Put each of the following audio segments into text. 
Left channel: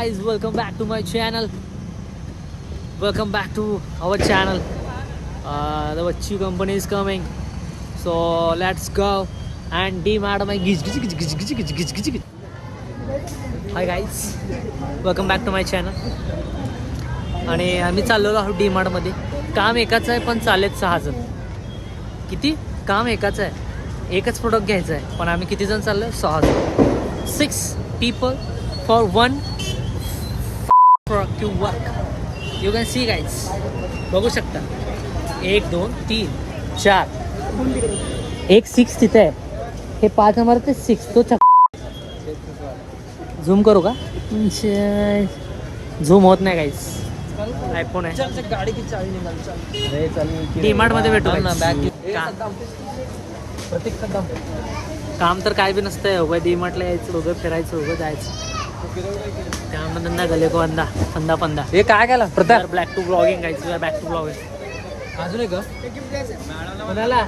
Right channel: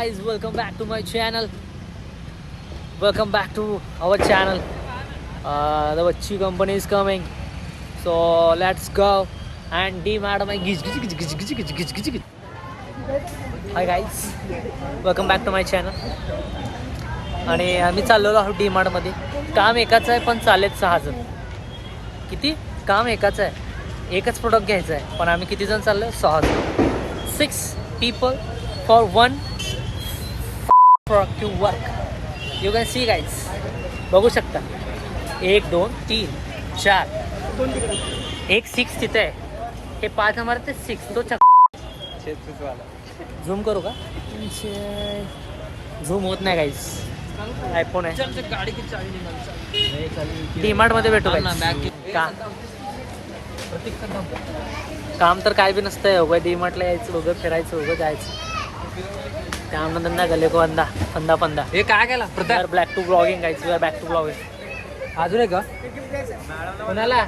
guys, welcome back to my channel. Welcome back to our channel. The Vachi company is coming, so let's go and D-Mart my Hi guys, welcome back to my channel. आणि आम्ही चाललेलो आहोत D-Mart मध्ये. काम एकाच आहे पण चालेत 6 जण. किती? काम एकाच आहे, एकच प्रोडक्ट घ्यायचं आहे, पण आम्ही किती जण चाललोय? 6 जण. 6 people for one product to work. You can see guys, बघू शकता. 1 2 3 4 एक 6 तिथे आहे. हे 5 हमारे ते 6 तो झूम करू का? झूम होत नाही गाईज, आयफोन आहे. डीमार्ट मध्ये भेटू काय? काम तर काय बी नसतंय. उभं डीमार्टला यायचं, उभं फिरायचं, उभं जायचं. त्यामुळे त्यांना गले फंदा फंदा फंदा. हे काय केलं? Pratap back to vlogging guys, we are back to vlogging. अजून एक का कोणाला?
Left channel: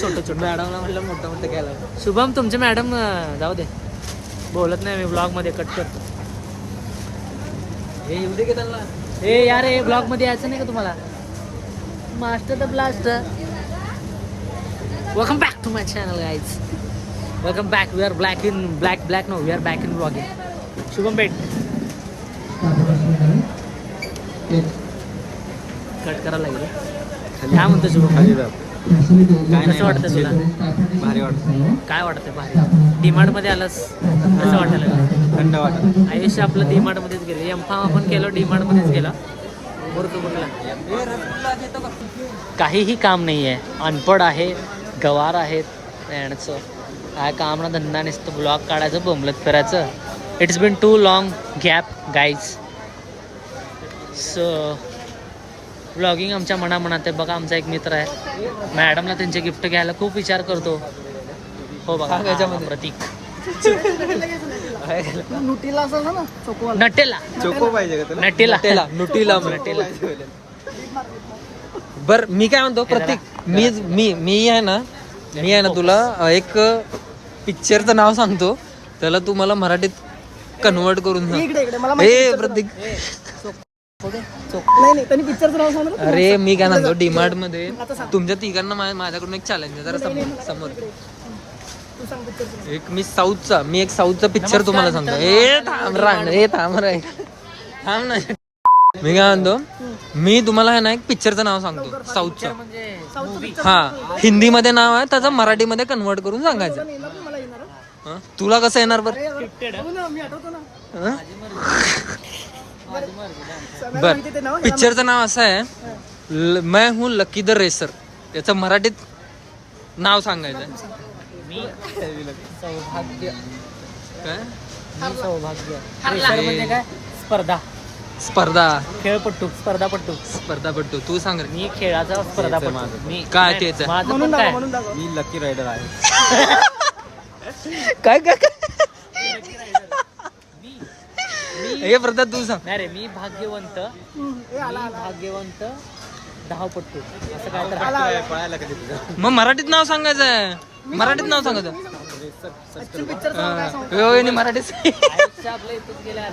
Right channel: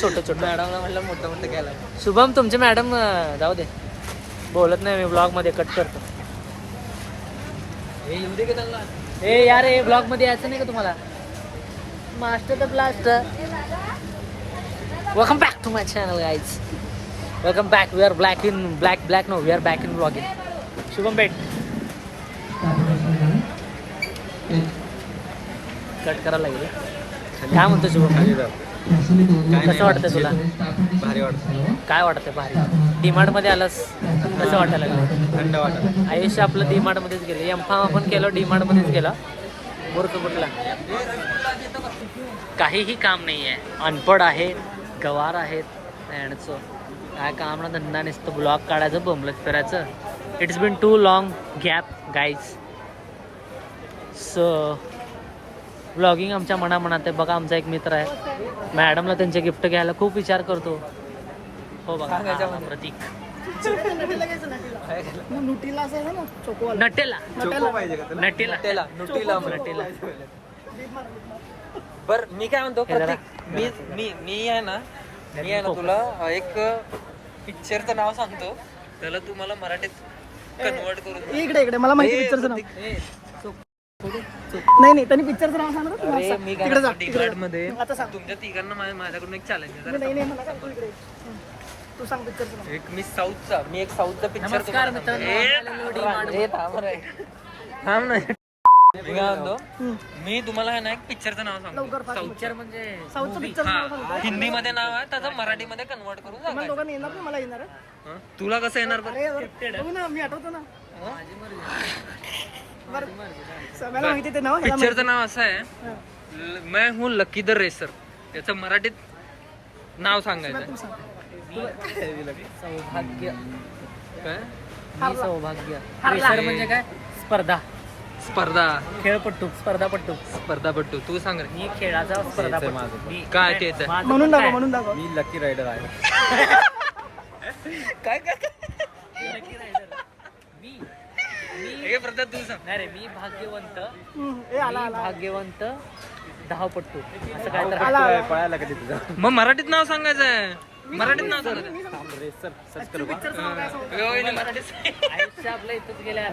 छोटं छोटं मॅडमला म्हटलं मोठं मोठं घ्यायला. शुभम तुमचे मॅडम जाऊ दे, बोलत नाही मी, ब्लॉग मध्ये कट करतो. हे येऊ दे का त्यांना? हे यार, हे ब्लॉग मध्ये यायचं नाही का तुम्हाला? Master the blaster. Welcome back to my channel guys, welcome back. We are black in black no, we are back in vlogging. Shubham भेट कट करायला लागेल. काय म्हणतो शुभम? कसं वाटतं तुला? भारी वाटतं. काय वाटतं भारी? डीमार्ट मध्ये आलास, कसं वाटायला लागलं? थंड वाटत. आयुष्य आपलं डीमार्ट मध्येच गेलं. एमफाम आपण केलं, डीमार्ट मध्येच गेला. मूर्ख कुठला? काहीही काम नाही आहे, अनपड आहे, गवार आहेत. यांचं काय काम ना धंदा नसतं, ब्लॉग काढायचं, बोंबलत फिरायचं. It's been too long gap guys. So blogging आमच्या मनामनात आहे. बघा आमचा एक मित्र आहे, मॅडमला त्यांचे गिफ्ट घ्यायला खूप विचार करतो. हो बघा, प्रतीक. Nutella Nutella. बर मी काय म्हणतो प्रतीक, मी आहे ना तुला एक पिक्चरचं नाव सांगतो, त्याला तू मला मराठीत कन्वर्ट करून प्रतीक. अरे मी काय म्हणतो, डीमार्ट मध्ये तुमच्या तिघांना माझ्याकडून एक चॅलेंज आहे. जरा समोर एक मी एक साऊथचा पिक्चर तुम्हाला सांगतो. थांब ना. मी काय म्हणतो, मी तुम्हाला आहे ना एक पिक्चरचं नाव सांगतो साऊथचं. हा, हिंदीमध्ये नाव आहे त्याचं, मराठीमध्ये कन्वर्ट करून सांगायचं. तुला कसं येणार बरं? बर, पिक्चरचं नाव असं आहे, मैं हूँ लकी द रेसर. याचं मराठीत नाव सांगायचं. सौभाग्य. काय? मी सौभाग्य. रेसर म्हणजे काय? स्पर्धा, खेळपट्टू, स्पर्धापट्टू. तू सांग रे. मी खेळाचा स्पर्धापट्टू. काय तेच आहे? माझं पण काय? मी लकी रायडर आहे. काय हे प्रताप तू सांग. नाही रे, मी भाग्यवंत धावपट्टू, असं काय तर. मग मराठीत नाव सांगायचं आहे. मराठीत आपल्या इथंच गेल्या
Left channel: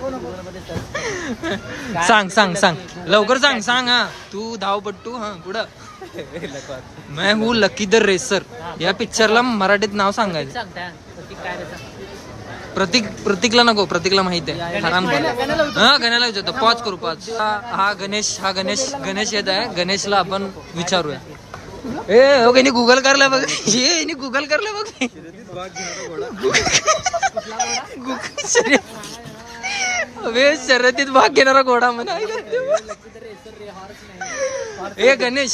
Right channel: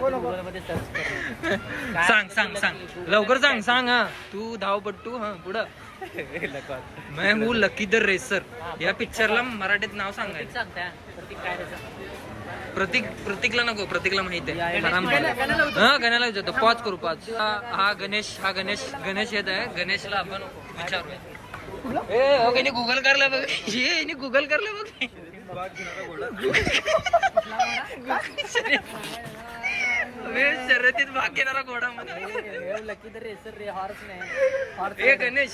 सांग लवकर सांग. हा, तू धावपट्टू. हा, पुढं. मैं हूँ लकी द रेसर या पिक्चरला मराठीत नाव सांगायचं. प्रतीकला नको, प्रतीकला माहित आहे. गण्याला विचारतो. पॉज करू. हा गणेश येत आहे. गणेशला आपण विचारूया. गुगल करलं बघ. गुगल करलं बघ. शर्यतीत भाग घेणारा घोडा म्हणा. ए गणेश,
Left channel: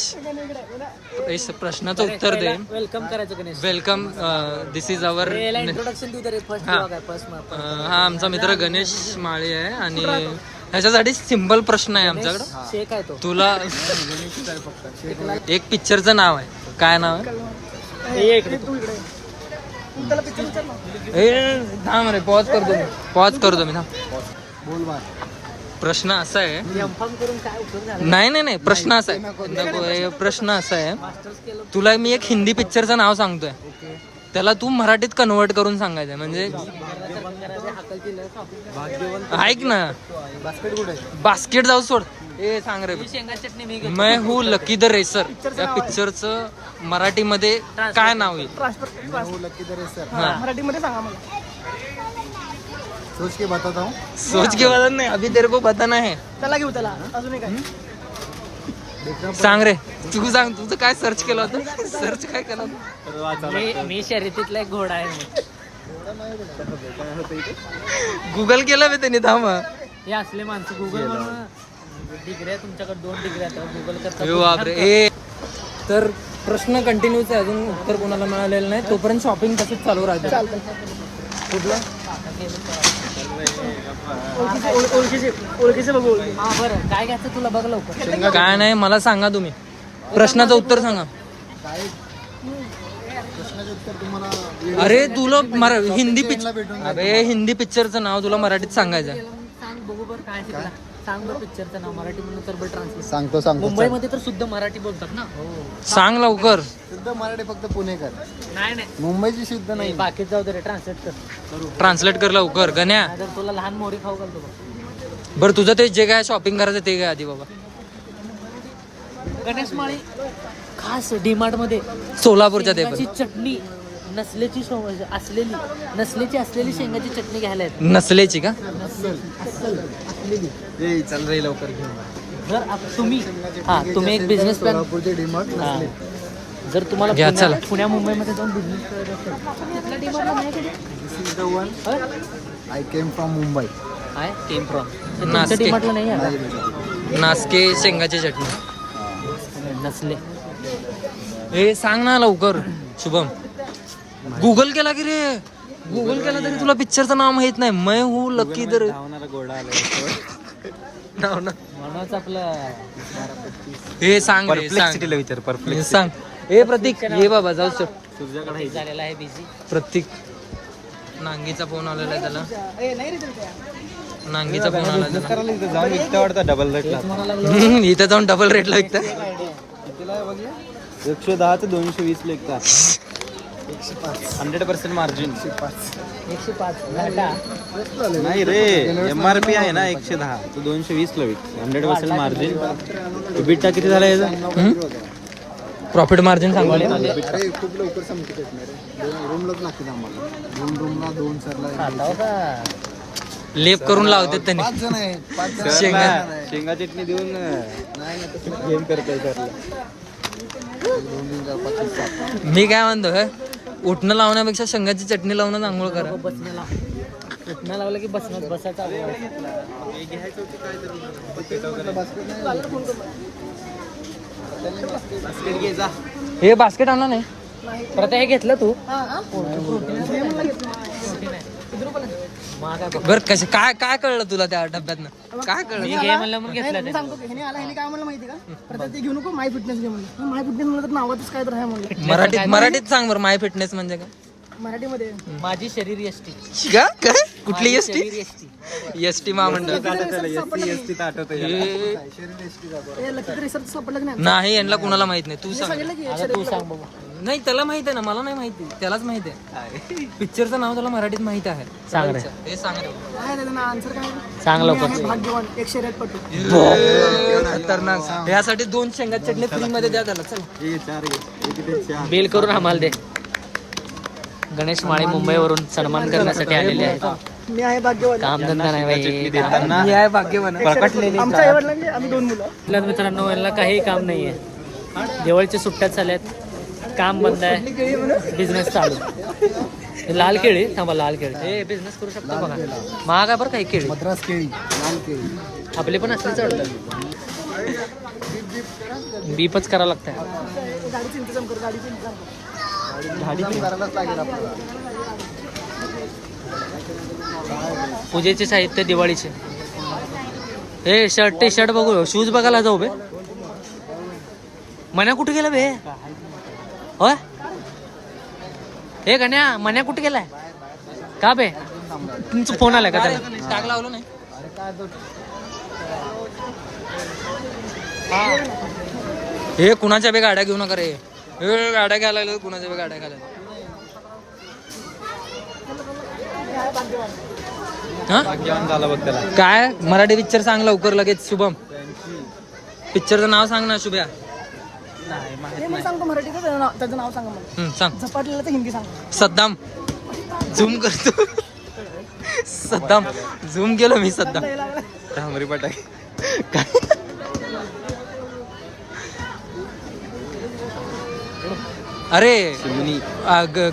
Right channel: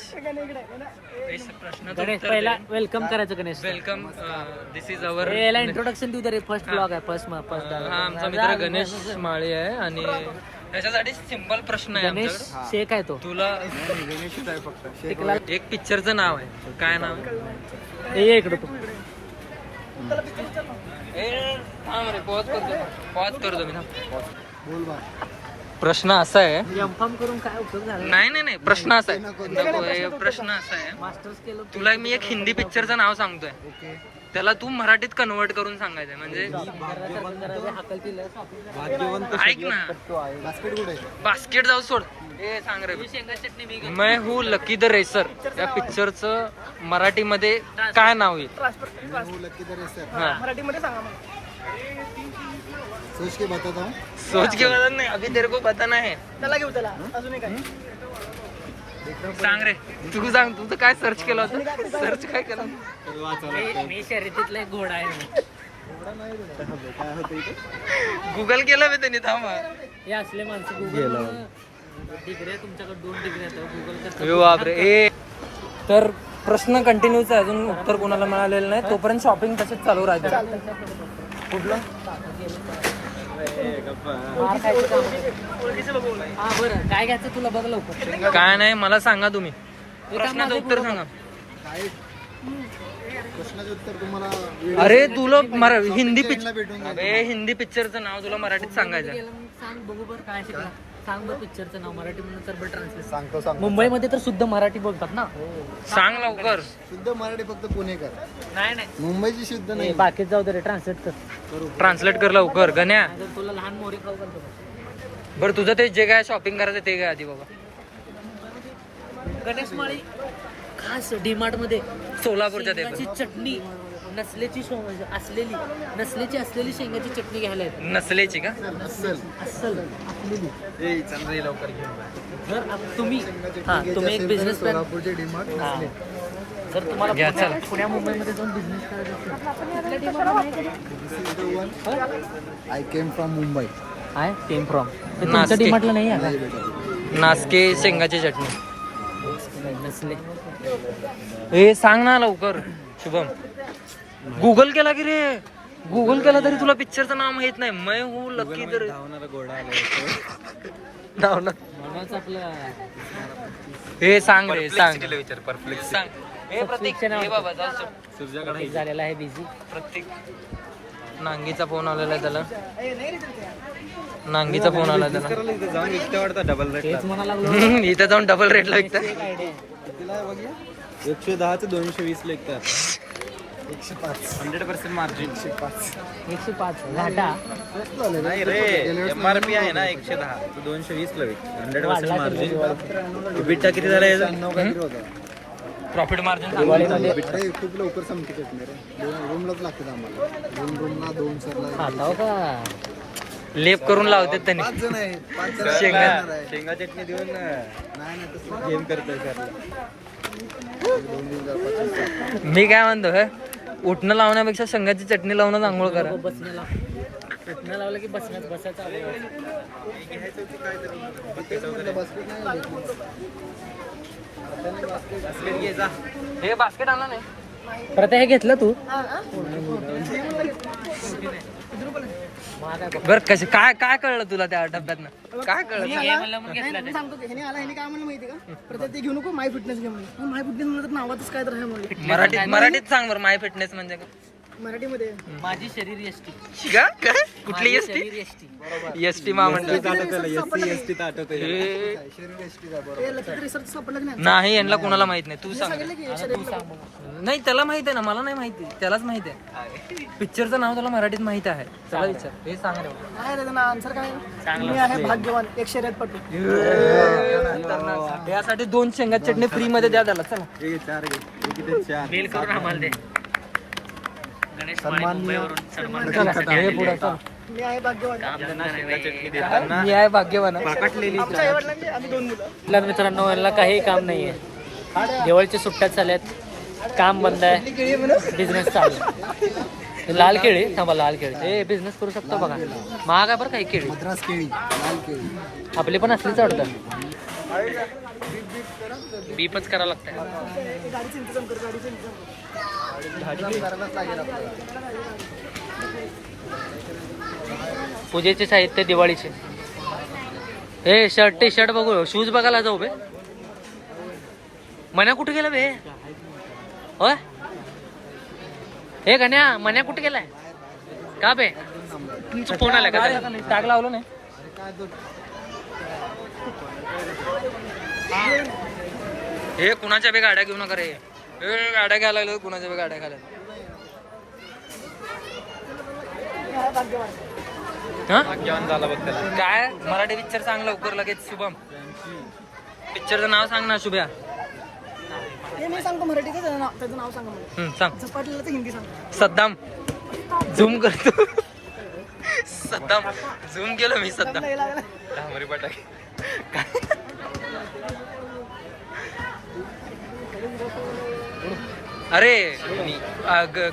प्रश्नाचं उत्तर दे. वेलकम करायचं Ganesh. Welcome. This is our introduction. हा आमचा मित्र गणेश माळे आहे. आणि ह्याच्यासाठी सिंपल प्रश्न आहे आमच्याकडे. शेक आहे तो. तुला एक पिक्चरचं नाव आहे. काय नाव आहे? पॉज करतो मी. प्रश्न असा आहे. नाही, प्रश्न असा आहे. प्रश्न असा आहे, तुला मी एक हिंदी पिक्चरचं नाव सांगतोय. त्याला तू मराठीत कन्वर्ट करून सांगायचं म्हणजे ऐक ना. बास्केट जाऊ सोड. ए सांग रे. मैं हूँ लकी द रेसर या पिक्चरचं मराठीमध्ये काय नाव आहे? मैं हूँ लकी द रेसर. हा मराठीमध्ये सांगा मग. सोच के बताता हूँ. सोच के बता नाही अभी तेरे को बताना है. त्याला घेऊ त्याला अजून काय. सांग रे तू सांग तुझं काय सर्च केलं होतं? सर्च काय केलं होतं? मी शर्यतीतला एक घोडा आहे. काय होतं इथे? गुगल केलं मी त्यांनी थांब. हे असले माणसं गुगल डिग्री तुमच्याकडे 2 डिग्री गुगल करतात. बापरे. ए तर प्रश्न कंटिन्यूच आहे, अजून उत्तर कोणाला मिळालेलं नाही. तोपर्यंत शॉपिंग तसंच चालू राहते. कुठलं? ओळखीचं बघू. हा बरं काय घ्यायचं तुला बघ लवकर. काय नाही मला सांगा तुम्ही प्रश्नाचं उत्तर सांगा. काय प्रश्नाचे उत्तर तुम्हाला अरे तुला हिंदी भेटून पिक्चर अरे हिंदी पिक्चरचं नाव तुला मराठीत सांगायचं आहे. सांग बघू बरं काय शिकला. सांग बरं पिक्चरचं नाव मराठी म्हणून तर बरं ट्रान्सलेट. सांगतो. मुंबईमध्ये तर शुद्ध मराठी बोलतात ना. सांग लवकर. शुद्ध मराठी फक्त पुणेकर. नाही मुंबईची शुद्ध नाही. बाकी जाऊ दे रे ट्रान्सलेट कर. ट्रान्सलेट कर लवकर गण्या. जर तुला लहान मोरी खाऊ घालतो. बरं तुझं ते जे काय शॉपिंग करायचं ते काय आधी बाबा. गणेश माळी खास डीमार्ट मध्ये सोलापूरच्या ते शेंगाची चटणी असलेली शेंगाची चटणी घ्यायला येते. नसलेची का? असलेली. चल रे लवकर घेऊन. जर तुम्ही एक बिझनेस सोलापूरचे डिमार्ट नसले. जर तुम्हाला घ्या, चला. पुण्या मुंबईमध्ये जाऊन बिझनेस करायचा असेल तिथल्या डीमार्टला नाही कधी. This is the one. I came from Mumbai. I came from नास्के. डीमार्टला नाही आहे. नाही बेटा. नासके शेंगाची चटणी. नसले. ए सांग ना लवकर शुभम. गुगल केला की रे. गुगल केला तरी तुला पिक्चरचं नाव माहित नाही. मैं हूँ लकी दर म्हणूनच आपलं हे सांग रे सांग. सांग. ए प्रतीक ये बाबा जाऊ शक. झालेला आहे बिझी. प्रतीक नांगीचा फोन आलेला आहे त्याला. नांगीचा फोन आला त्याला. तेच म्हणायला लागलो. इथे जाऊन डबल रेटला विकता. 110 ते 220 लेखतात. 100% मार्जिन. 105 घाटा. नाही रे MRP आहे ना 110 तो 220 ला विक. 100% मार्जिन. बिटा किती झाला याचा? प्रॉफिट मार्जिन सांगायला. अरे खूप लवकर संपत येत नाही रे. 2 रूमलाच लागतात आम्हाला. 2 रूमला 2 सरला लेप करून लावतात त्यांनी. 5 जण आहेत. 5 जण. शेंगा चटणी देऊन नाही ना तसं गेम करताय सरला. मी काय म्हणतो उठणं लावण्यापेक्षा शेंगाची चटणी लावून आंघोळ करा. बसण्याला उठण्या लावलं की बसायचा हे बास्केट आणला नाही. परत हे घेतलं तू. बर कसे काय काय कळलं तुला त्या डब्यातनं? काय कळलं? मी सांगतो की ह्याने आला ह्याने काय म्हणलं माहिती का. परत ते घेऊ नको माय फिटनेस घे म्हणलं. माय फिटनेस म्हणलं तर नावातच काय तर आहे म्हणलं. मराठीत सांग बरं. माय फिटनेस म्हणजे काय? मराठीमध्ये माझी शरीर एसटी. का काय कुठली एसटी? एसटी. एसटी महामंडळ रिसर्च सापडलं की नाही. नाही. यांना कुणाला माहित नाही. तू सांग. सांगितलं की आता तू सांग बघू. नाही त्याला माहित आहे ना. मला नाही माहिती. त्यालाच माहित आहे. पिक्चरचं नाव त्याला मराठीत माहित आहे. सांग रे. हे सांग रे. काय त्याचं आन्सर काय सांग मी लवकर. आहे भाग्यवान 1 शर्यत पटू. यासाठी 2 शेंगा चटणी फ्री मध्ये द्या त्याला. चला बिल करून आम्हाला दे. गणेश माळी मुंबईवरून सन्मान करण्यासाठी आलेले आहेत. मी आहे भाग्यवान. कामधंदा नाही बाई. मी आहे भाग्यवान. आमच्या आईवडिलांनी आम्ही 2 मुलं. आपल्या मित्रांनो यांना काही काम नाहीये. दिवाळीच्या सुट्ट्या चालल्यात. काम बंद आहे. बिझनेस चालू. हे लाल केळी थांबा. लाल केळी हे बिझनेस करू शकतो बघा. महाग आहे बरं काही केळी. मद्रास केळी. लाल केळी. आपली पण असलीच आवडतात. बीपच करावं लागतंय. गाडीचं इंतजाम कर. गाडीचं इंतजाम कर. पूजेचे साहित्य दिवाळीचे. हे शर्ट टी शर्ट बघू. शूज बघायला जाऊ बे. मन्या कुठे गेला बे? होय हे गण्या मन्या कुठे गेलाय का बे? तुमचा फोन आलाय का त्याला? टॅग लावलो नाही. हे कुणाच्या बे गाड्या घेऊ नका रे. हे गाड्या घ्यायला लागलो. कुणाच्या बे गाड्या घ्यायला. हा भाग्यवान झाला बघ त्याला. काय मराठी पिक्चर सांग लवकर लगेच शुभम. पिक्चरचं नाव सांग ना शुभ्या. हे मी सांगतो मराठीचं त्याचं नाव सांगा मला. सांग. झपाटलेलं हिंदी सांग. सद्दाम. झूम करतो. सद्दाम झूम केलं मी सद्दाम. डांबरी फटाके. अरे चिमणी.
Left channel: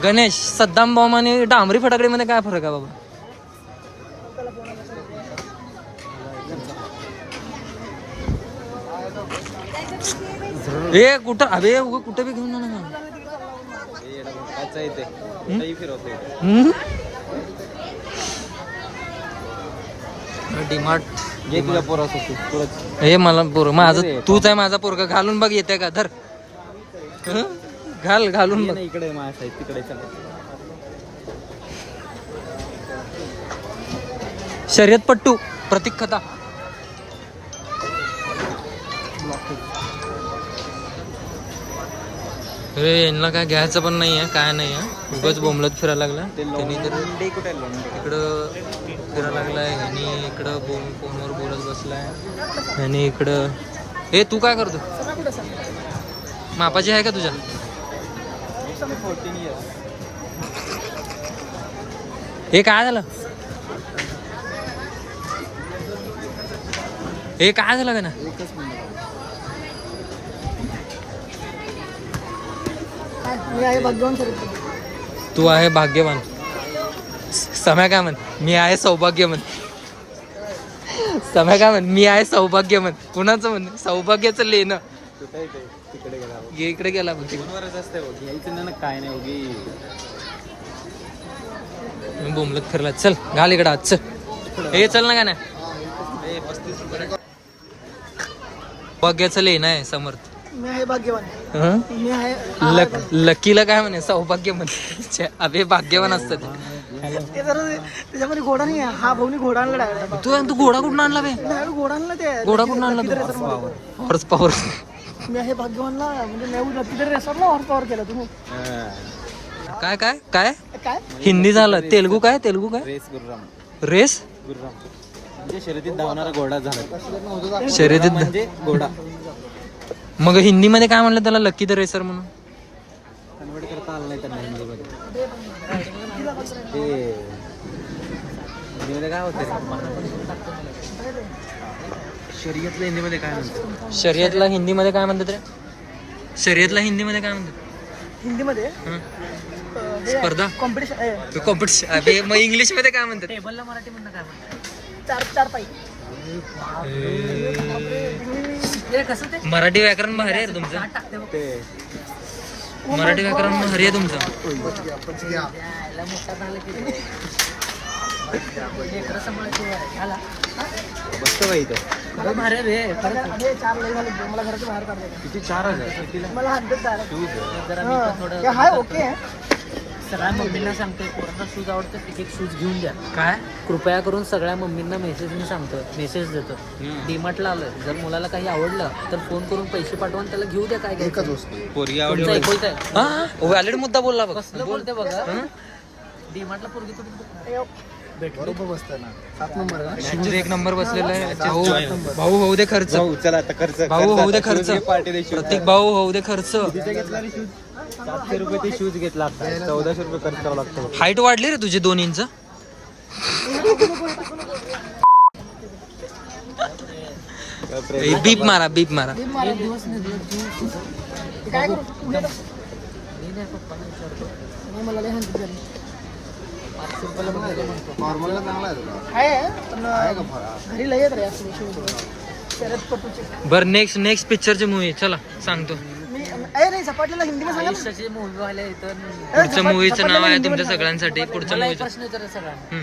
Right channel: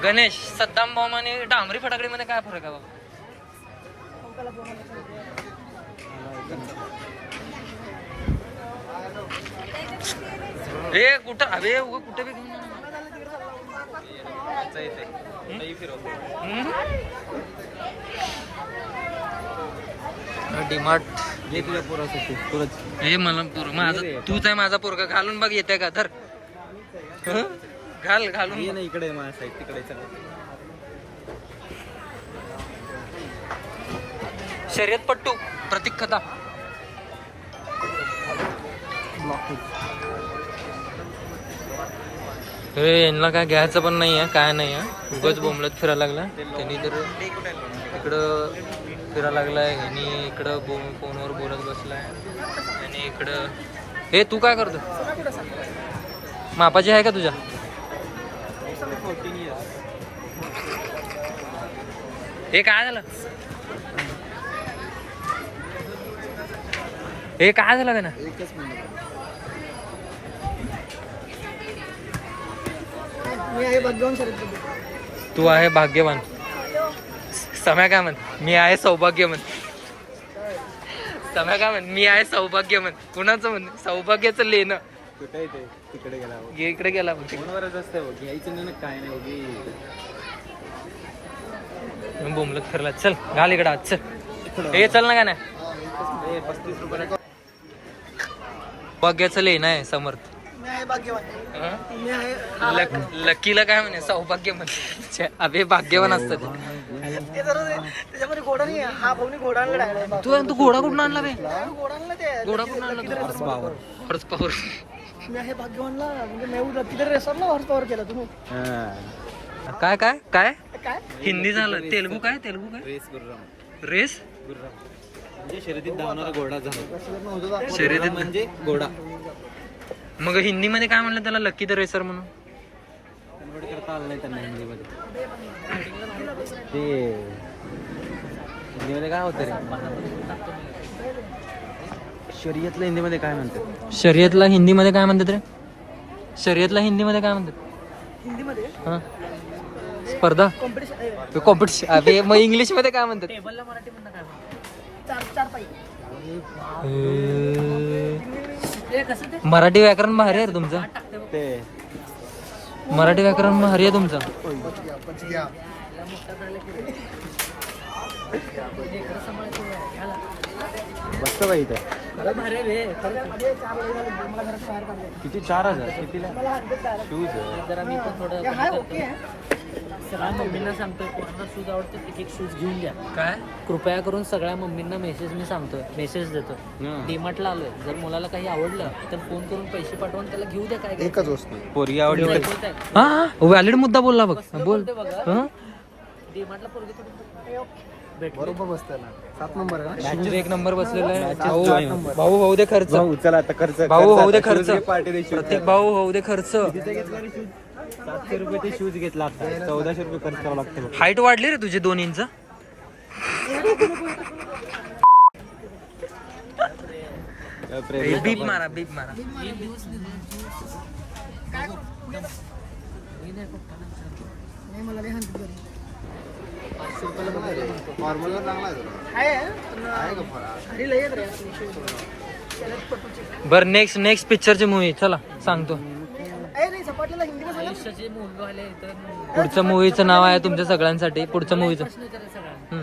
गणेश सद्दाम बॉम्ब आणि डांबरी फटाकडे मध्ये काय फरक आहे बाबा. ए कुठं अबे उगं कुठं बी घेऊन जाणार ना. अच्छा इथे कुठेही फिरवतो. डिमार्ट ये तुझ्या पोरासाठी पुरच. हे मला पोर माझं तूच आहे माझा पोरगा. घालून बघ येते का धर. हं? घालून ये ना इकडे माझ्या साईड तिकडे चला. शर्यतपट्टू प्रतीक खता. अरे यांना काय घ्यायचं पण नाही आहे काय नाही आहे. उगाच बोंबलत फिरायला लागला त्यांनी तर इकडं फिरायला लागलाय. ह्यांनी इकडं फोनवर बोलत बसलाय. ह्यांनी इकडं. हे तू काय करतो. मापाची आहे का तुझ्या. 14 years. हे काय झालं. हे काय झालं का ना. मी आहे भाग्यवान सर. तू आहे भाग्यवान. सम्या काय म्हण. मी आहे सौभाग्यवान. सम्या काय म्हण. मी आहे सौभाग्यवान. कुणाचं म्हण सौभाग्याचं लेणं. कुठे आहे ते? तिकडे गेला. इकडे गेला म्हणजे फोनवरच असते बघ. घ्यायचं ना काय नाही उगी. बोंबलत फिरला. चल घाल इकडं आज चल. हे चल ना का ना. सौभाग्याचं लेणं आहे समर्थ. मी आहे भाग्यवान. हं? मी आहे लकीला काय म्हणे सौभाग्य म्हणे. अबे भाग्यवान असतं ते. ते जरा त्याच्यामध्ये घोडा नाही आहे. हा भाऊनी घोडा आणला डायरेक्ट. तू घोडा कुठून आणला बे. घोडा आणला ते. घोडा कुठून आणला तू. Horse power. मी आहे भाग्यवानला म्हणजे मेहूद किती रेसरला हॉर्स पॉवर केला तुम्ही. काय काय काय काय हिंदी झालं. तेलगू काय तेलगू काय. रेस गुर्राम. रेस गुर्राम म्हणजे शर्यतीत धावणारा घोडा झाला. शर्यतीत म्हणजे घोडा. मग हिंदीमध्ये काय म्हणलं त्याला. लकी द रेसर म्हणून. कन्वर्ट करता आलं नाही त्यांना हिंदीमध्ये. ते हिंदीमध्ये काय होतं. शर्यतला हिंदीमध्ये काय म्हणतात. शर्यतला हिंदीमध्ये काय म्हणतात रे. शर्यतला हिंदीमध्ये काय म्हणतात. हिंदीमध्ये हं? स्पर्धा कॉम्पिटिशन कॉम्पिटिशन. अबे मग इंग्लिश मध्ये काय म्हणतात. टेबलला मराठी म्हणणं काय म्हणतात. चार पाई. हे कसं ते मराठी व्याकरण भारी आहे रे तुमचं. टाकते बघ. ते मराठी व्याकरण भारी आहे तुमचं. यायला मोठा झालं की लेकरं सांभाळायची वेळ आहे. घाला. बसतं का इथं. खरं भारी आहे रे. खरंच. मला घराच्या बाहेर काढतो. किती 4,000 कितीला. मला हंड्रेड डायरेक्ट. जरा मी पण थोडं हाय ओके. सगळ्या मम्मींना सांगतोय पोरांना शूज आवडतं एक शूज घेऊन द्या. काय कृपया करून सगळ्या मम्मींना मेसेज मी सांगतोय. मेसेज देतो. डीमार्टला आलोय. जर मुलाला काही आवडलं तर फोन करून पैसे पाठवून त्याला घेऊ द्या. काय घ्यायचं. पोरगी तुमचं आवडली. ऐकूचं आहे. हा व्हॅलिड मुद्दा बोलला बघ. कसलं बोल. बोलते बघा. हं? डीमार्टला पोरगी भेटली. शूज एक नंबर बसलेला आहे. भाऊ होऊ दे खर्च. भाऊ, चला आता खर्च. भाऊ होऊ दे खर्च. पार्टी दे. प्रत्येक भाऊ होऊ दे खर्च. 700 रुपये ते शूज घेतला. 1400 रुपये खर्च करावा लागतो. हाईट वाढली रे तुझी 2 इंच. बीप मारा बीप मारा. काय करू. नाही मला लय हंड्रेड झाली. घरी लय येत रे असली शूज. शरद पप्पूची. बर नेक्स्ट पिक्चरची मूवी चला सांगतो. नाही सपाटीला हिंदीमध्ये सांगा. आयुष्याचे मूवी वाले तर पुढच्या मूवीचं नाव आहे तुमच्या सगळ्यांसाठी. पुढच्या मूवीचं प्रश्न विचारा सगळ्यांना.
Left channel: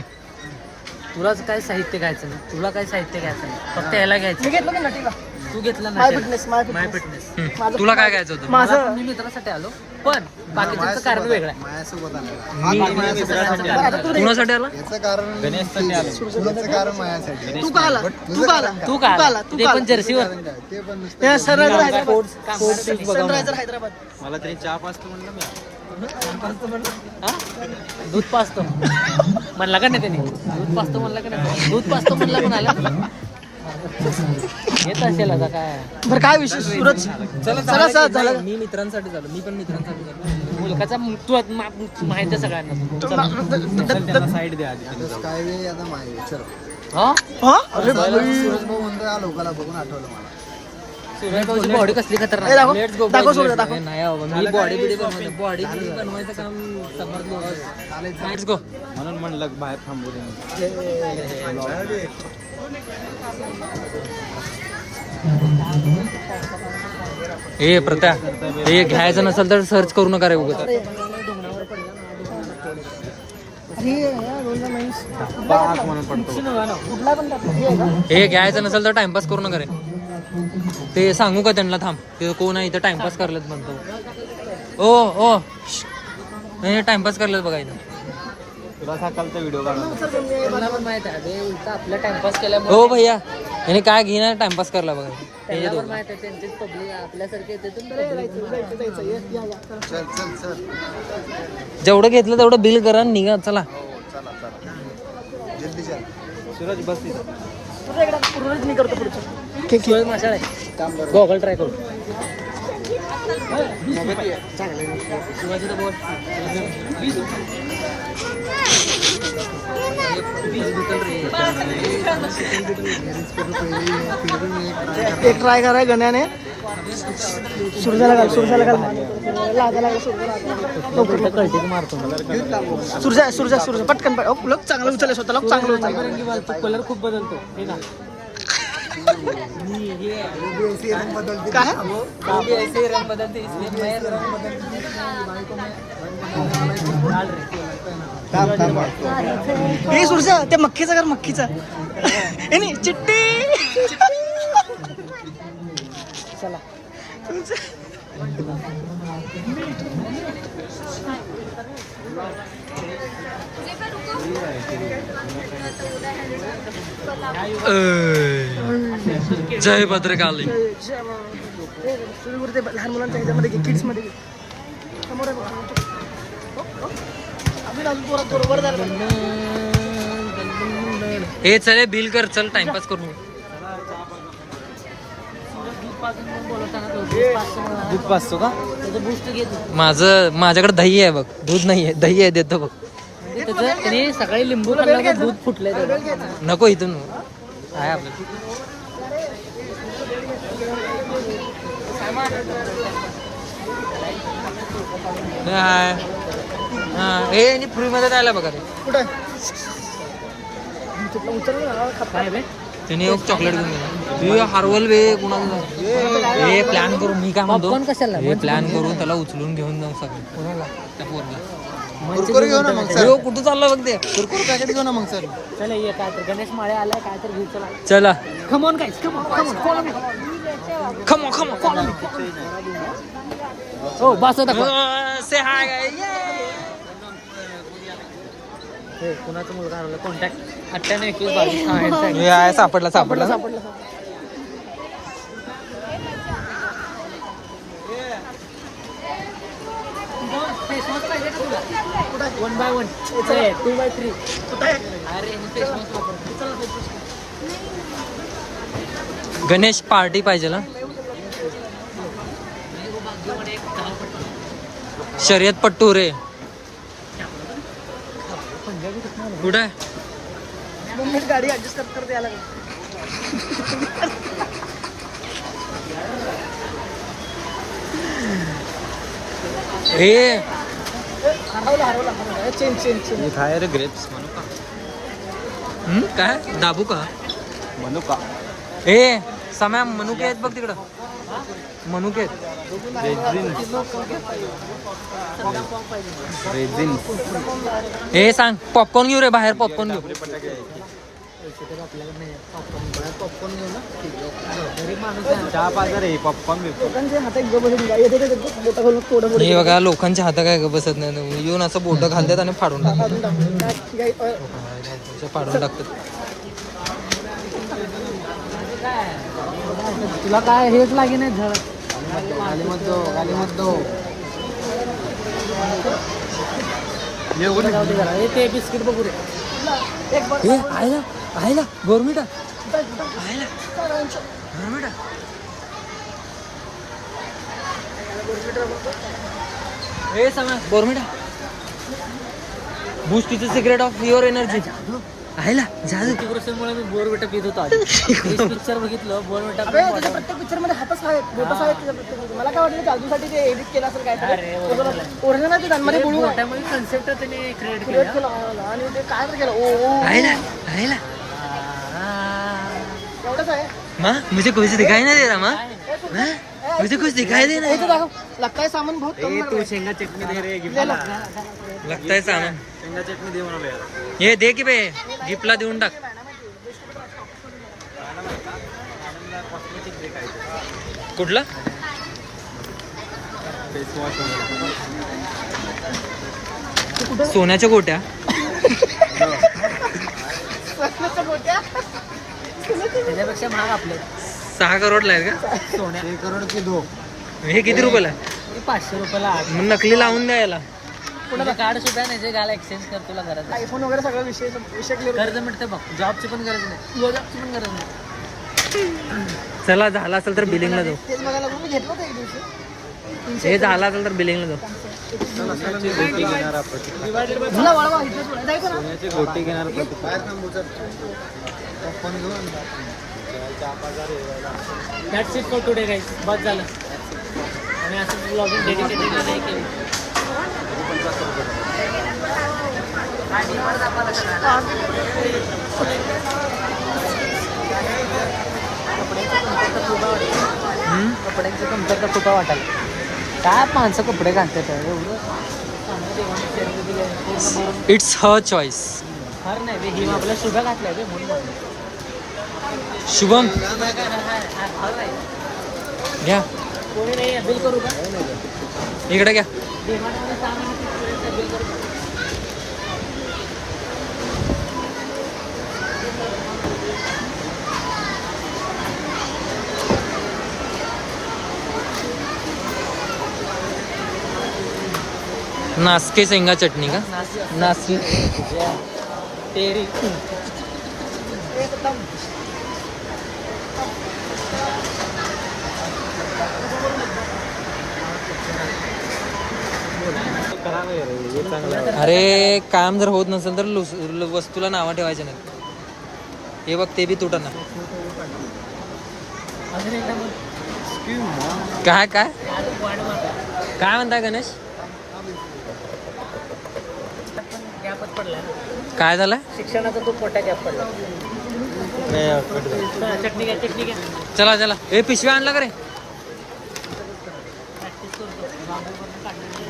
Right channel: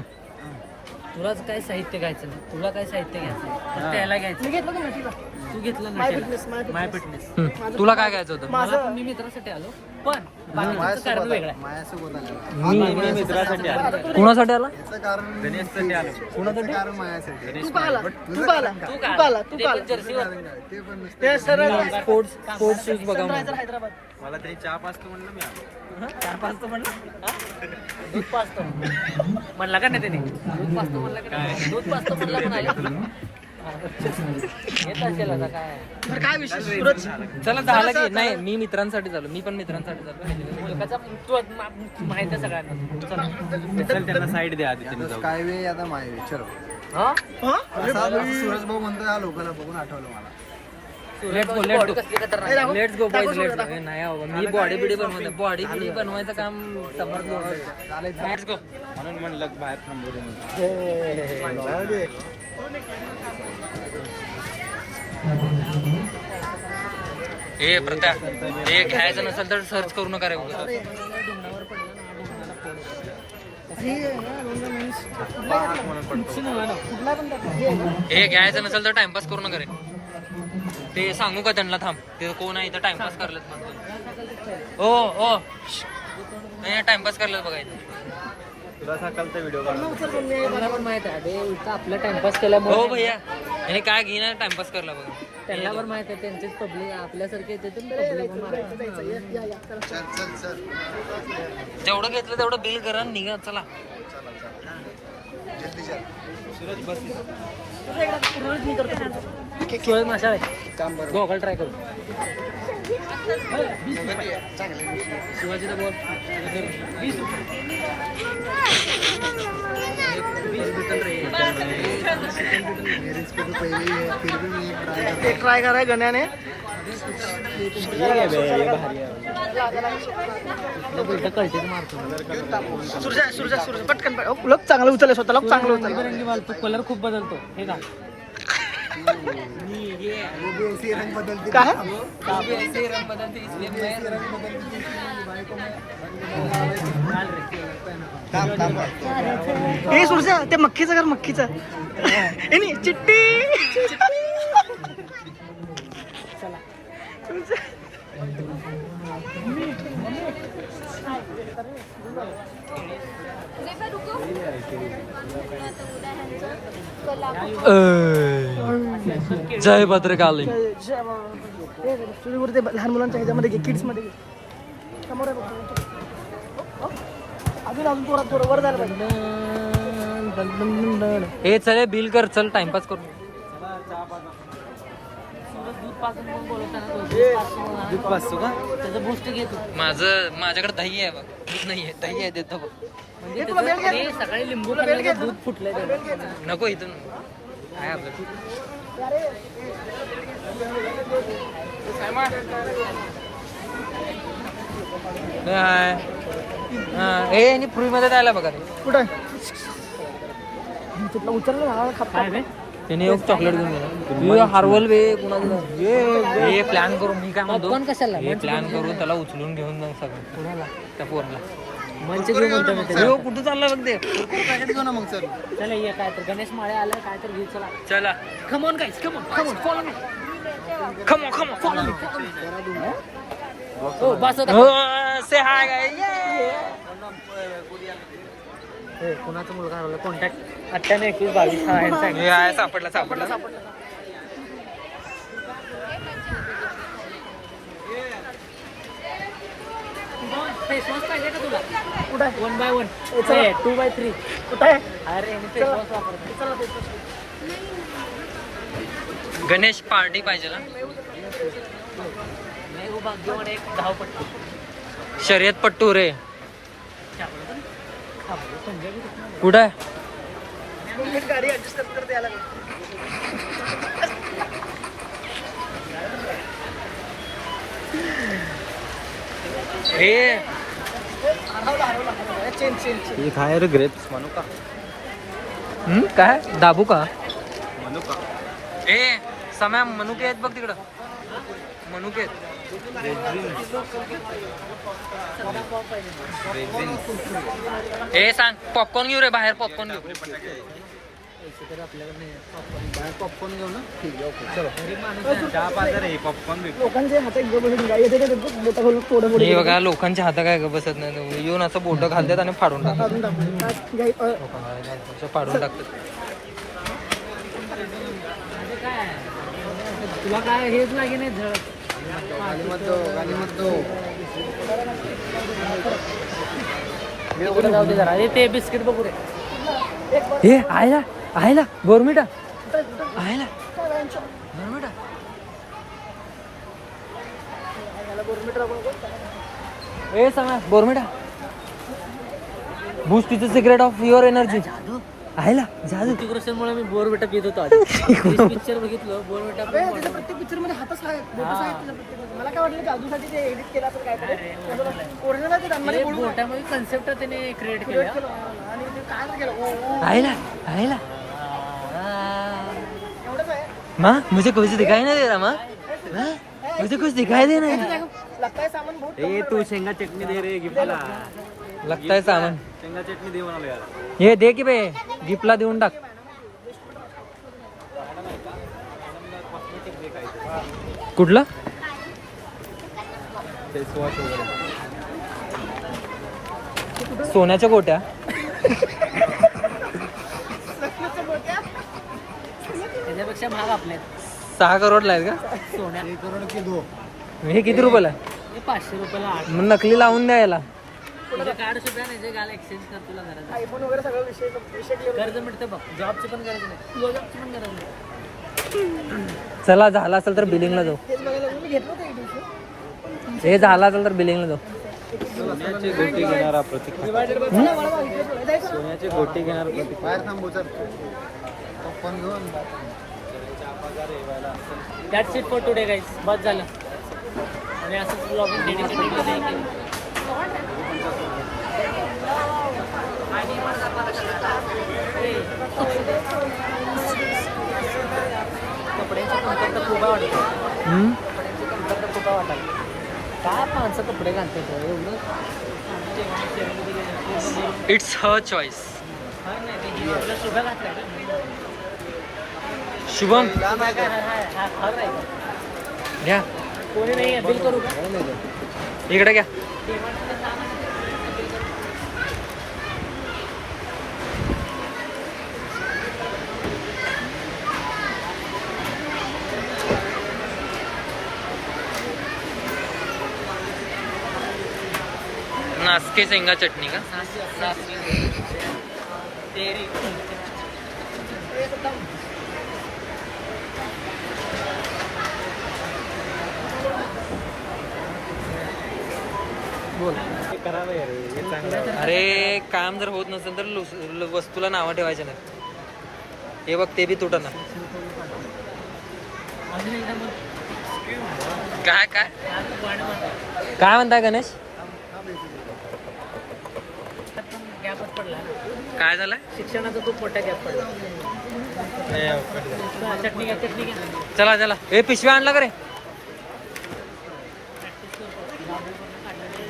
तुलाच काय साहित्य घ्यायचं नाही. तुला काय साहित्य घ्यायचं नाही. फक्त याला घ्यायचं. मी घेतलं की नटीला. तू घेतला माय ना फिटनेस. माय फिटनेस. तुला काय घ्यायचं होतं. मला पण मी मित्रासाठी आलो पण बाकीचं कारण वेगळं आहे. कुणासाठी आला. गणेश पण आलो. तू का आला. तू का आला. तू तू का का आला. तू ते का पण आला. जर्सीवर सनरायझर हैदराबाद. सनरायझर हैदराबाद. मला तरी चहा पाचतो म्हणलं मी. दूध पाचतो. म्हणला का नाही त्याने दूध पाचतो म्हणला का नाही दूध पाचतो म्हणला का नाही येत असेल आता काय बरं काय विषय सूरज चला चला, चला. नाही, मी मित्रांसाठी झालो मी पण मित्रांसाठी झालो मुलगाचा मृत्यू माहिती आहे सगळ्यांना त्यांना साईड द्या आधी. हा हा? अरे बॉडी कसली ए, खतरनाक दाखव. लेट्स गो दाखव सूरज, दाखव. नाही बाबा मी बॉडी बिडी बनवायचं काम समजलो लेट्स गो म्हणून म्हणलं बाहेर थांबू दे ए प्रथा हे घ्यायचं नसेल तर सर्च करू नका रे उगाच. अरे कुठला पण टाक. हे आहे का? हे घ्यायचं नसेल तर टाइमपास करू नका रे ते सांगू का त्यांना थांब ते कोण आहे इथे टाइमपास करलेत म्हणतो ओ टाइमपास करलेत बघायचं तुला सकाळचा व्हिडिओ काढ सर, पण मी- त्यांना पण माहित आहे बे उलटा आपला टाइमपास केल्यामुळे हो भैया याने काय घेणार टाइमपास करला बघा त्यांना पण माहित आहे त्यांचेच पब्लिक आपल्यासारखे येते तर जायचं. या, चला. जेवढं घेतलं तेवढं बिल करा आणि निघा चला सूरज बस तुझं एकदा पूर्णच मी करतो पुढचं. सूरज माशाळ आहे गॉगल ट्राय करू शिवाजीला बोल ते ट्राय कराय गण्याने सूर्जाला घाल, सूर्जाला घाल. लागायला घाल, सूर्जाला. कळते मारतो सूर्जा पटकन लोक चांगलं उचलले स्वतःला चांगलं उचललं. तो कलर खूप बदलतो हे ना काय रंग बदलते इसलिए मैं रंग हे सूर्जा ते मक्खीचं कर मक्खीचं हे नाही चिट्टी चला जय भद्रकाली ते लहान मुलांच्या ह्याच्यामध्ये किड्स मध्ये घे. समोर आहे बघ, समोर. हो, हो. अजून थोडं वर झालं. हे चले बिल कर चल टाइमपास करू दूध पाचतो का त्याचं बूस्ट घेतो माझ्याकडे दही आहे बघ दूध नाही आहे दही आहे देतो बघ म्हणजे त्याचं आणि सकाळी लिंबू खाल्ल्यावर दूध फुटलंय त्याचं नको इथून आहे आपलं हाय हे आणि फ्री मध्ये द्यायला बघा रे कुठं तुला उचललं ना काय बे त्याने एक चॉकलेट घेऊन गेला हरवल बे कुणाचं हे प्लॅन करू मी काय म्हणतो Popcorn कशाला? हे प्लॅन करून त्याला उचलून घेऊन जाऊ सगळं कोणाला त्या पोराला म्हणजे हो कुठं चाललं बघ ते चला ये काय तर गणेश माळे आलाय काय तर घेऊ चला चला come on guys come on follow me खमो खमो फॉलो मी हो बस से हाय हे कुणाचा मुलगा हरवला कॉन्टॅक्ट 982122 हा यांचा आहे. सापडला सापडला फेस वॉश पाहिजे का तुला 1x1 2x3 अरे यांनी फेस वॉश वापरतो चला फेस वॉश गणेश पार्टी पाहिजे ना भाग्यवान एक धावपट्टी शर्यत पट्टू रे कुठं आहे गाडी ऍडजस्ट करते याला हे चेंज काय रे ग्रेप्स म्हणू का काय दाबू का म्हणू का ए सम्या मनुके आहेत बघ तिकडं मनुके आहेत हे सांग पॉपकॉर्न घेऊ रे बाहेर पॉपकॉर्न घेऊ पॉपकॉर्न घेऊ ना गरीब माणूस चहा पाजा रे पॉपकॉर्न घेतो लोकांचे हात एक बसून येते बोटा घालून थोडं हे बघा लोकांच्या हाता काय बसत नाही येऊन असं बोट घालतात आणि फाडून टाकतात फाडून टाकतात तुला काय हेच लागे नाही झड जाऊ दे जरा हे ते बिस्किट बघू रे हे आयला आयला बोरमिटा बोरमिटा हे सांगा बोरमिटा Boost is the secret of your energy आयला जादू मुळे मी बोरमिटा पित होतो आधी पिक्चर बघितलं बोरमिटा प्रत्येक पिक्चर मध्ये हातच आहेत बोटच आहेत त्याच्या प्रत्येक मला काय वाटलं जादूसाठी ते एडिट केलं असेल काय ओरिजिनल ते त्यांमध्ये बोटामध्ये कन्सेप्ट त्याने क्रिएट केला केलं आणि ते काय तर केलं ओ आयला आयला एवढंच आहे माँ मुझे कुछ दिखाई नहीं दे रहा माँ मुझे कुछ दिखाई दे इथे रहा दाखव लगता है सामान बहुत कम तू शेंगा चटणी दे रे गिफ्टला लगता है सामान शेंगा चटणी दे म्हणालो यार हे दे की बे गिफ्टला देऊन टाक कॉस्मेटिक ब्रेक आहे कुठलं फेस वॉश वगैरे सोन्याच्या गोट्या त्याच्यापेक्षा महाग आपल्या 6 करोडला आहेत का सोन्या करोड की दो हे किती रुपयाला हे 500 रुपयाला आठ मग नकली लावून द्या याला तुझं कार्ड सुद्धा नाही जे घाला एक्सचेंज कर तुला गरज नाही आयफोन वगैरे सगळं विषय क्लिअर कर्ज मिळते बघ जॉबची पण गरज नाही जॉबची पण गरज नाही चला झाला असेल तर बिलिंगला जाऊ तेच बघायला मी घेतलं होतं एक दिवशी हे झाला असेल तर बिलिंगला जाऊ गोटी घेणार मला वळवा इथेच वळवा. जायचं ना सोन्याची गोटी घेणार that's it for today guys बस झालं आणि असं ब्लॉगिंग डेडिकेटेड कपड्याचं कमतरता खूप वाटतं कपड्याचं कमतरता खूप वाटायला काय माणसं कपडे घालतात एवढं चांगलं जेवण पूर्ण इट्स हर चॉईस फार नाही ते घेऊन आपल्या शुभ्या घातल्या ते म्हणून शुभम घ्या कोणी नाही बिल करू का इकडे घ्या नासके शेंगा चटणी का नाशिक तेरी अरे काम जर होत नसेल तर वस्तूला नावं ठेवायचं नाही हे बघ ते बी तुटना अजून एकदा मग काय काय वाढ मारते काय म्हणताय गणेश पण गॅपच पडला काय झालं शिक्षणाचा खूप मोठा गॅप पडला चटणी घ्या चला चला हे पिशव्या आणला का रे प्रॅक्टिस करतो बाबूवरनं काढलेले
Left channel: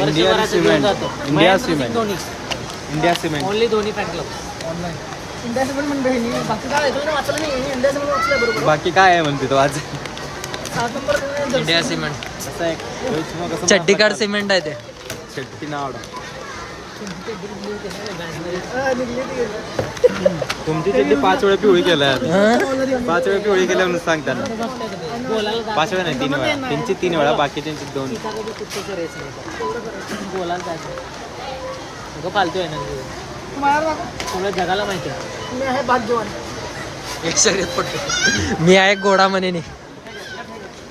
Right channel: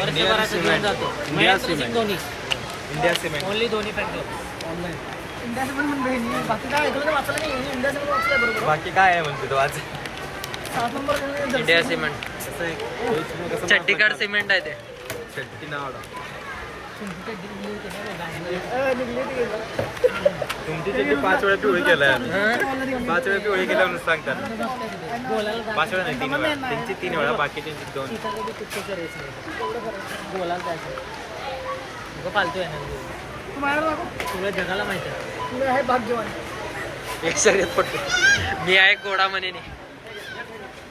इंडिया सिमेंट दोन्ही इंडिया सिमेंट ओनली दोन्ही पॅक इंडिया सिमेंट म्हणून बहिणी बाकी काय तुम्ही वाचलं नाही इंडिया सिमेंट वाचलंय बरोबर बाकी काय आहे म्हणते तो आज 7 नंबर तुम्ही इंडिया सिमेंट चड्डीकाड सिमेंट आहे ते शेट्टी नाव निघली ती. तुमची चड्डी 5 वेळा पिवळी केल्या 5 वेळा पिवळी केल्या म्हणून सांगतात 5 वेळा नाही 3 वेळा त्यांची 3 वेळा बाकीच्यांची 2 बोलायला पाहिजे पालतोय ना माझ्यावर दाखव. सगळं जगाला माहिती आहे तुम्ही आहे भाग्यवान एक शर्यत पडतो मी आहे घोडा म्हणे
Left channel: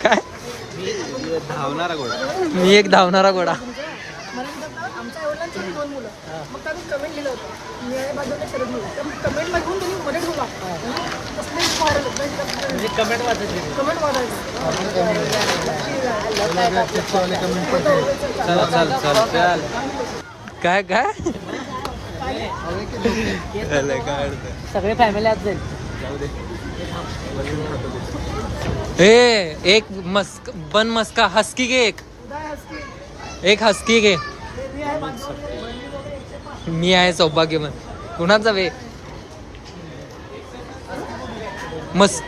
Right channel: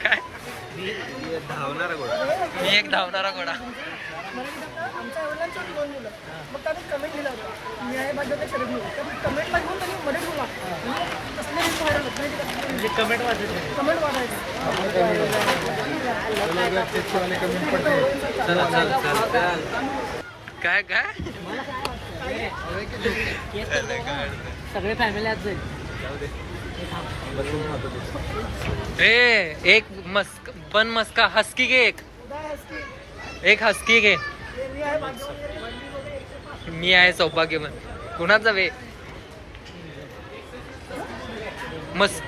काय धावणारा गोळा मी एक धावणारा घोडा मला म्हणतात आमच्या आईवडिलांची 2 मुलं मग त्यांनी कमेंट लिहिलं होतं मी आहे भाग्यवान शरद मुलं त्या कमेंटला घेऊन त्यांनी मध्ये ठेवला तसले व्हायरल होत म्हणजे कमेंट वाचायची कमेंट वाटायचं काय काय सगळे फॅमिली आज जाईल ए एक मस्क बन मस्का हस्की घे एक हस्की घे मी आहे सौभाग्यवान कुणाचा वे मस्त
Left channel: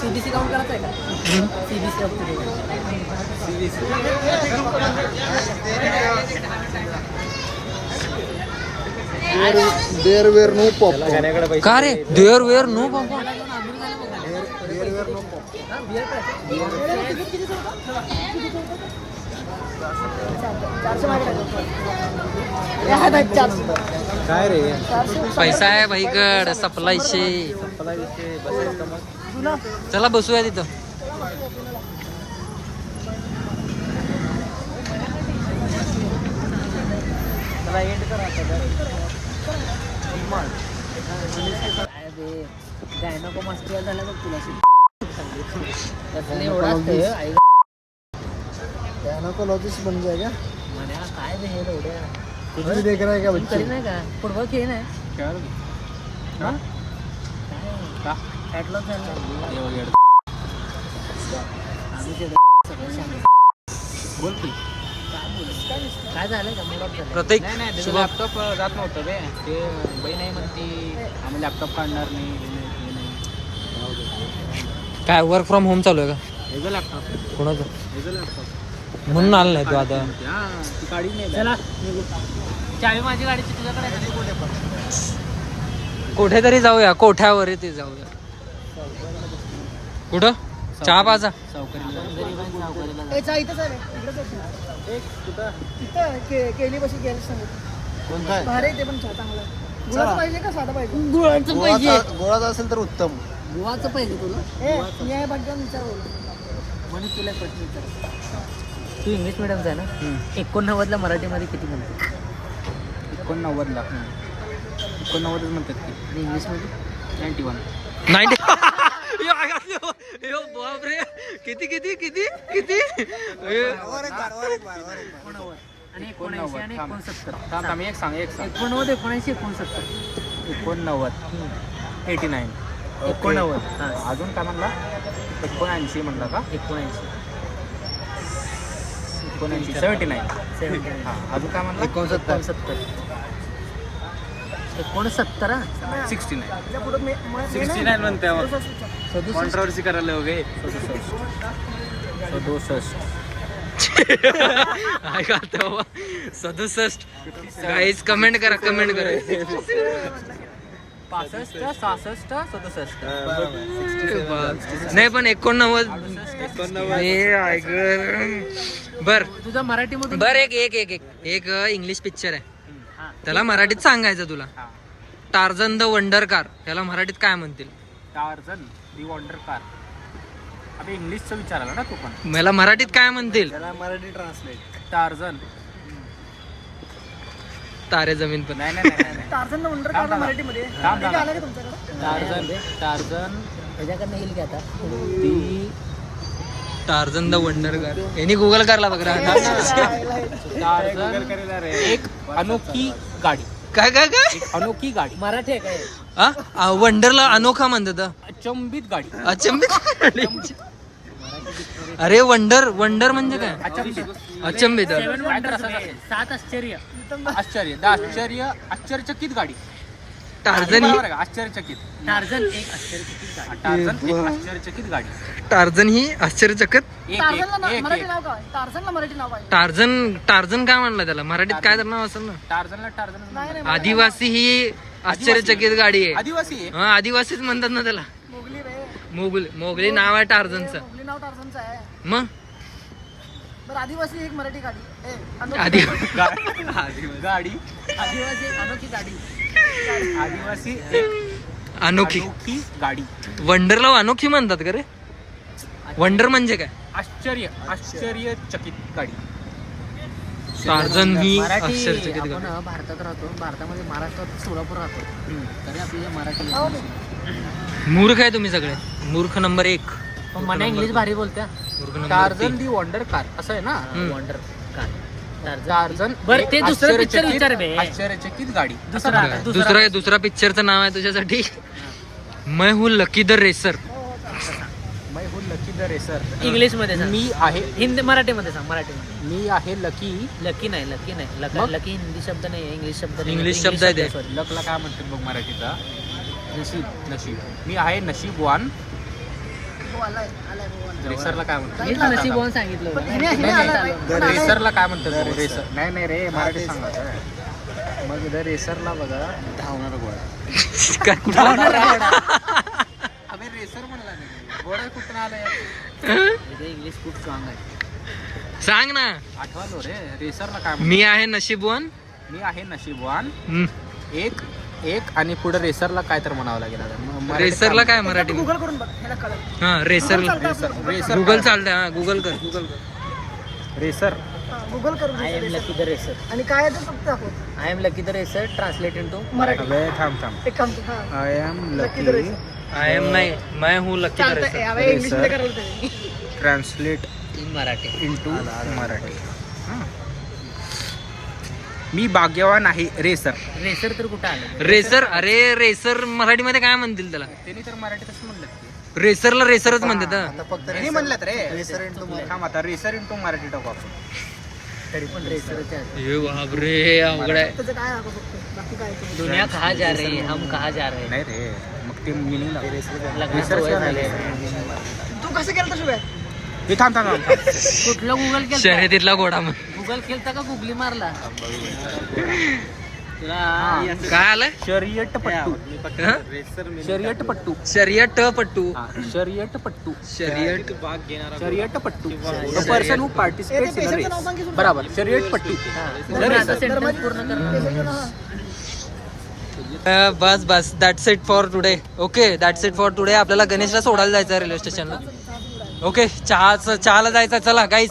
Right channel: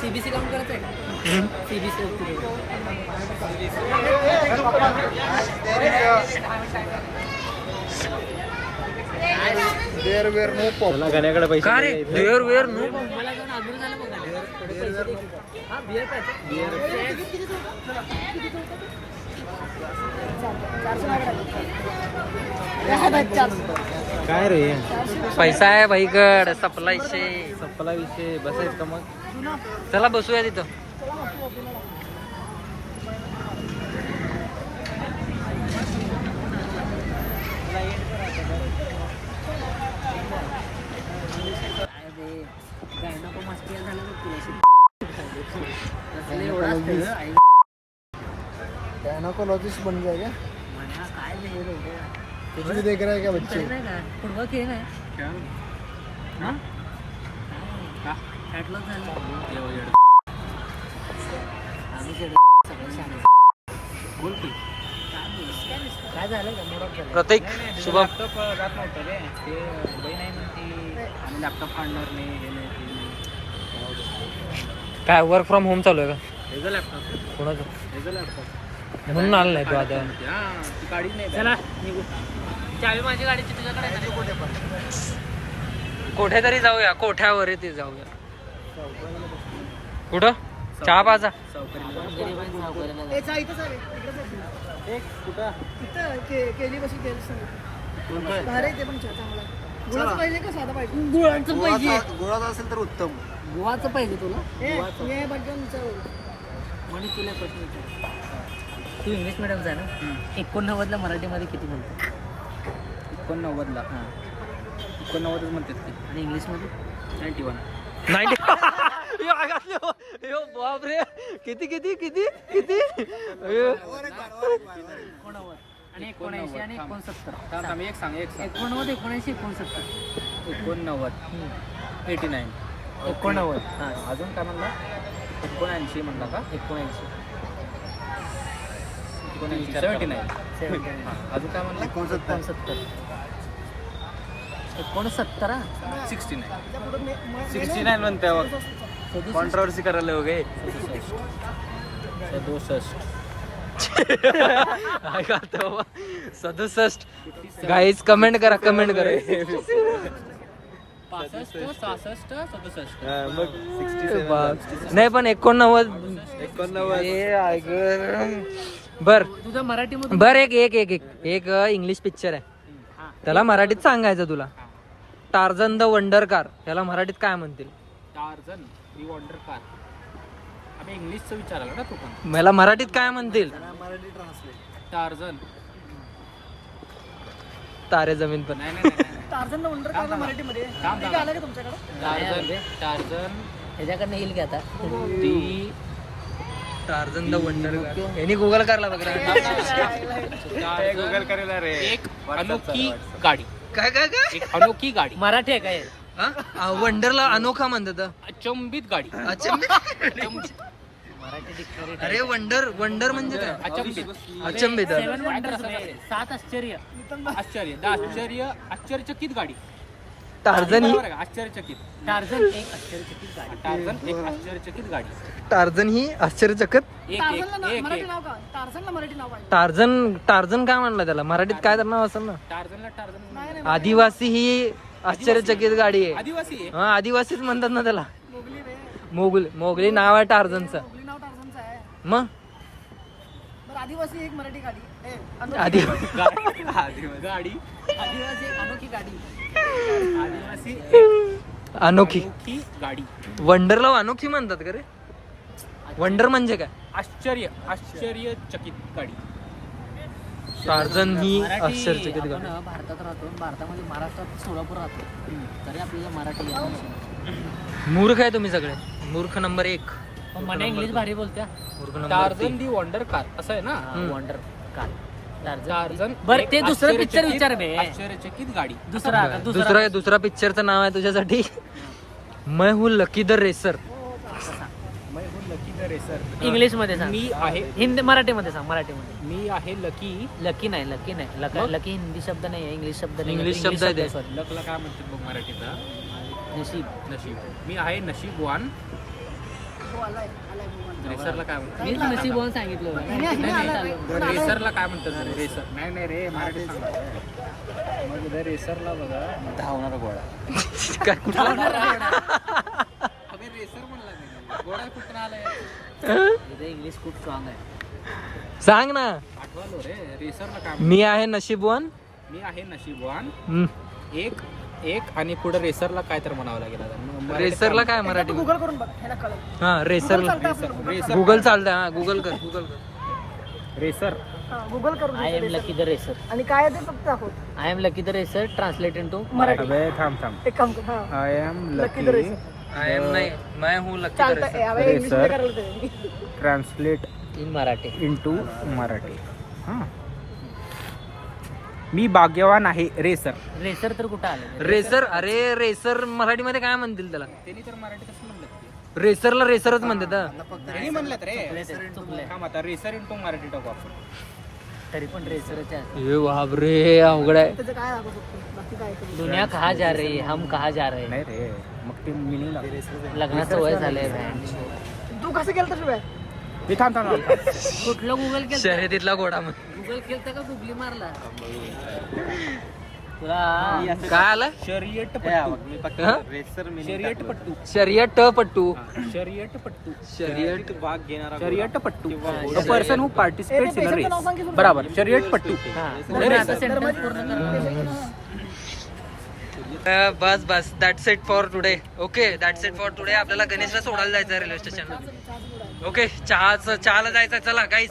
सीबीसी काउंट करायचं आहे का CBC there where no pop का रे देअर वेअर नो काय रे पैसा आहे भाईकड सप्लायचे चला बसूया तिथं गायना मस्ती झाला बघ तुला गायनाकोलॉजिस्ट बन जाएगा काय नाही एवढ्या कुछ भी देख रहा है क्या बच्चे नाही का फुटबॉल खेळ नाही फॅटलॉस झालं आम्ही सगळं सांगितलं बोल की काय झालं का मोड ऑफ झालं प्रत्येक शुभ लॅपटॉप जात नव्हतं रे ते बाई नाही म्हणते आम्ही लॅपटॉप काढणार नाही हे नाही ते नाही काय वर्क फ्रॉम होम चालू आहे का हेचं लॅपटॉप कोणाचं हेचं लॅपटॉप म्हणून आलं नाही तू आता हा ती काढीच नाही चला निघू चावी माझी गाडीची तुझ्याकडे कुठे पण कुठेतरी जाऊया कोठ्यावर ते जाऊया कुठं चहा पाजा याच्या इथंच आहे रे, इकडेच आहे ना. एक कुठं इथं केली बसून घ्यायला सांगू कोणता आहे? भारी आहे ते पण चहा चांगला आहे गुळाचं पाहिजे का साधा पाहिजे गुळाचं पाहिजे गोळाचा असेल तर उत्तम गुळाचं पाहिजे तुला ए मी आहे भाग्यवान विचार म्हणून तुला एक प्रश्न विचार तू इंग्लिश मिडियमचा आहे ना 89 ला मराठीमध्ये किती म्हणतो 89ला हां 89च म्हणतात की आणि इंग्लिशमध्ये 91 बापरे किती किती किती किती 89 आणि 79 आणि 69 थांब एक सांग 89 79 69 89 89 89 हां अजून काय म्हणला 79 म्हणला का 79 79 79 हां अजून काय म्हणला 69 69 69 त्याच्या पुढे 69 म्हणते कॉन्ट्रोवर्सी करायला हो गे 67 गाईज कमेंट करा कमेंट करा 65 66 67 नाही पण 89 हे बर तुझा मराठीमधून बर एक एक एक एक एक इंग्लिश पिक्चर आहे त्याला मराठीत सांगायचं तुला टार्झन द वंडर कार त्याला मराठीत काय म्हणतील टार्झन दी वंडर कार अबे इंग्लिशचं विचारायला ना तू पण मला मराठीत काय म्हणतील मराठी ट्रान्सलेट टार्झन तारे जमीन पण नाही नाही नाही टार्झन वंडर कारला मराठीमध्ये थांब, थांब. आलं का तुमच्याकडे टार्झन ह्याच्याकडनं येईल की आता दी टार्झन द वंडर कार यांनी गुगल करला बघ गुगल करेला रे एक अनोखी गाडी काय काय काय एक अनोखी गाडी मराठी आहे काय हा वंडरला अनोखा म्हणतात अचंबित गाडी अचंबित अरे वंडर वंडर म्हणजे काय अचंबित अचंबित 7 wonders आहे. 7 आश्चर्य आश्चर्य आश्चर्यचकित गाडी टार्झन ही बरोबर आहे का? आश्चर्यचकित टार्झन एक आश्चर्यचकित गाडी टार्झन एक आश्चर्यचकित गाडी टार्झन ही आश्चर्यचकित एक टार्झनला एक मराठी एक नाव काय टार्झनला मराठी नाव पाहिजे टार्झन टार्झन काय म्हणलं त्याला मराठीत काय तर नाव असेल ना टार्झनला टार्झन नाही नाही आदिवासी ही आश्चर्यचकित गाडी आहे आदिवासी आहे हा आदिवासीच म्हणतात ना त्याला मोगली रे मोगली नाव आहे टार्झनचं मोगली नाव टार्झनचं आहे मग बरं आदिवासी एक मराठी गाडी ए अनोखी आधी गाडी आदिवासी अनोखी गाडी आदिवासी एक अनोखी अनोखी गाडी वंडरला अनोखी म्हणतात का रे वंडर म्हणजे काय आश्चर्यचकित गाडी टार्झन ही मराठी आश्चर्यचकित गाडी आपण भारतात राहतो भारतामध्ये महाराष्ट्रात सोलापूर राहतो तरी आपल्याला मराठी येत नाही. मूर्ख आहे तुम्ही सगळे मूर्ख नंबर 1 पण मला इंग्लिश भारी बोलत्या मूर्ख नंबर टार्झन दी वंडर कार असं आहे ना वंडर कार टार्झन बरं, एक ते दुसरं picture आश्चर्यचकित- विचार बे. आश्चर्यचकित गाडी दुसरा दुसरा पिक्चरचं नाव आहे तुझ्यासाठी मैं हूँ लकी द रेसर मैं हूँ लकी द रेसर इंग्लिश मध्ये सांग. मी आहे हिंदी मराठीमध्ये सांग मराठीमध्ये मी आहे लकी लकी नाही मग? लकी हिंदी शब्द नाही आहे इंग्लिश शब्द नाही. इंग्लिश शब्द आहे ते. sorry. लकला काय म्हणतात बघ मराठीचा नशीब नशीब मी आहे नशीबवान हो आलाय भाऊ आलाय. रेसरला काय म्हणतात मीच नशीबवान सांगितलं पण होतं. हिने आलाय पण आलाय. रेसरला काय म्हणतात तुम्ही? रेसर नाही रे मराठी सांगा. मग जर रेसरला बघा धावणारा घोडा. काय कुठला अबे रेसर म्हणला नाही, घोडा कुठून आलाय? इंग्लिश खूप स्ट्रॉंग आहे. सांग ना. आठवलो रे. रेसरला काय मी आहे नशीबवान. मी आहे नशीबवान. हम्म. एक आणि पुढे रेसरला काय तर म्हणावं लागेल आता. रेसरला काय मराठी गुगल करून बघ ह्याला कळेल. हा रेसरला. रेसर गुगल चालतंय. हा गुगल कर. रेसर गुगल करून I am lucky the racer. आणि काय आहे ते फक्त दाखव I am lucky the racer translate into Marathi. अबे थांब एक काम कर. हा. I am Lucky the lucky racer. I am नाही मैं हूँ लकी द चालतंय. रेसर यावेळी इंग्लिश मध्ये करायला पाहिजे. Translate in Marathi. Into Marathi. मी भाग्यवान आहे रेसर. रेसर तर कुठं आलं? रेसर. अरे रेसर मराठीमध्ये काय म्हणतील त्याला? त्यांनी तर मराठीतच म्हणलं रेसरला रेसरच म्हणतात हा. त्यांनी म्हणलं रे थांब आता रेसर इंटू मराठी टाकू आपण. तरी पण रेसरच आहे. हे बापरे अवघड आहे. त्याचं काय दाखव फक्त बाकी काय ते. दुनिया कहाँ जा रही है, हम कहाँ जा रहे हैं. नाही रे मग ते मिनिंग लागेल. लग्नात सवय झाली आहे. तू कसं केलं तसं काय हे थांब. कुठलं गुगल केलं? शर्यतीतला घोडा म्हण. गुगल केलता का गुगली मारला? तुला काय आलंय? शर्यत पट्टू. हा? शर्यत पट्टू. शर्यत पट्टू. शर्यत पट्टू. शर्यत शर्यत पट्टू. The person who participates in a race. बराबर शर्यत पट्टू. सेंटेन्स पूर्ण कर. बस that's it for today. Okay that's it for today. आपल्याला गणेशला सोडायला जायचं रेल्वे स्टेशनला. ओके चहाला जायचं. चला गाईस